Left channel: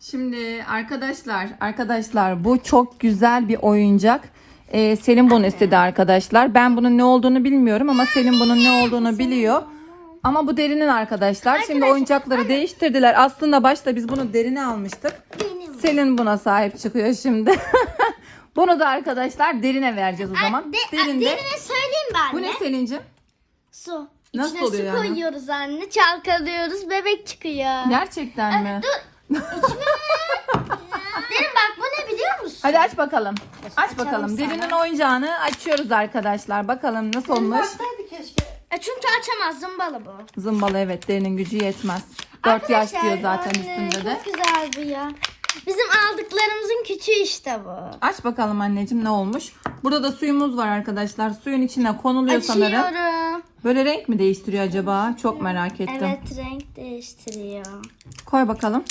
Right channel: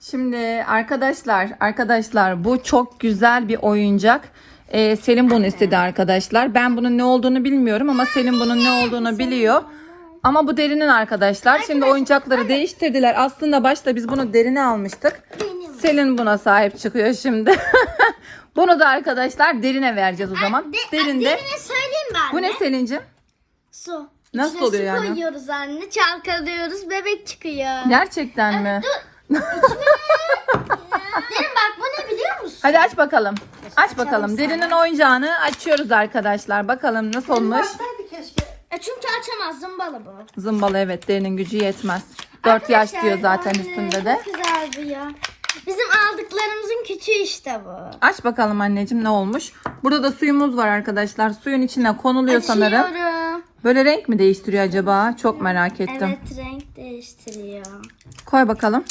Şimdi arkadaşlar, arkadaşlar bu çok güzel bir oyuncak. Ee, Selim bunu istedi arkadaşlar. Ben bunun ne olduğunu bilmiyorum ama Selim bunun ne olduğunu biliyor. Ama bu derinin arkadaşlar. Şimdi oyuncakları değiştirdiler. Aslında başta biz bunu derine almıştık. Selin buna sahip çıkıyor şimdi. bunu da arkadaşlar derine vereceğiz o zaman. De, Derinde. derine söyleyeyim ben Bu ne Selin'cim? Su. Nasıl İçine oluyor su yani? koyuyoruz anne. Çalkalıyoruz. Bebek çıkıyor. Gerçekten mi? Derin bak bu ne biliyor musun? Hadi aç bakalım. Aç bakalım. Derinin oyuncağını açıyoruz arkadaşlar. Bakalım nasıl olmuş. Baksaydı keşke. E çünkü açamaz zımbalı bu. Zımbalı evet derinin gücü yetmez. 4 yaş Arkadaşlar, diyor zaten anne, üstünde de. Çok güzel bu ya. Bizim aldıklarımızın küçüğü işte bu. Aç bakalım anneciğim ne olmuş. Burada da suyumuz var arkadaşlar. Suyun içine konuluyor sanırım. Açıyorum. Böyle renk mi değiştiriyor acaba? Çok merak ettim. Evet renk değiştiriyor. Koy bakalım.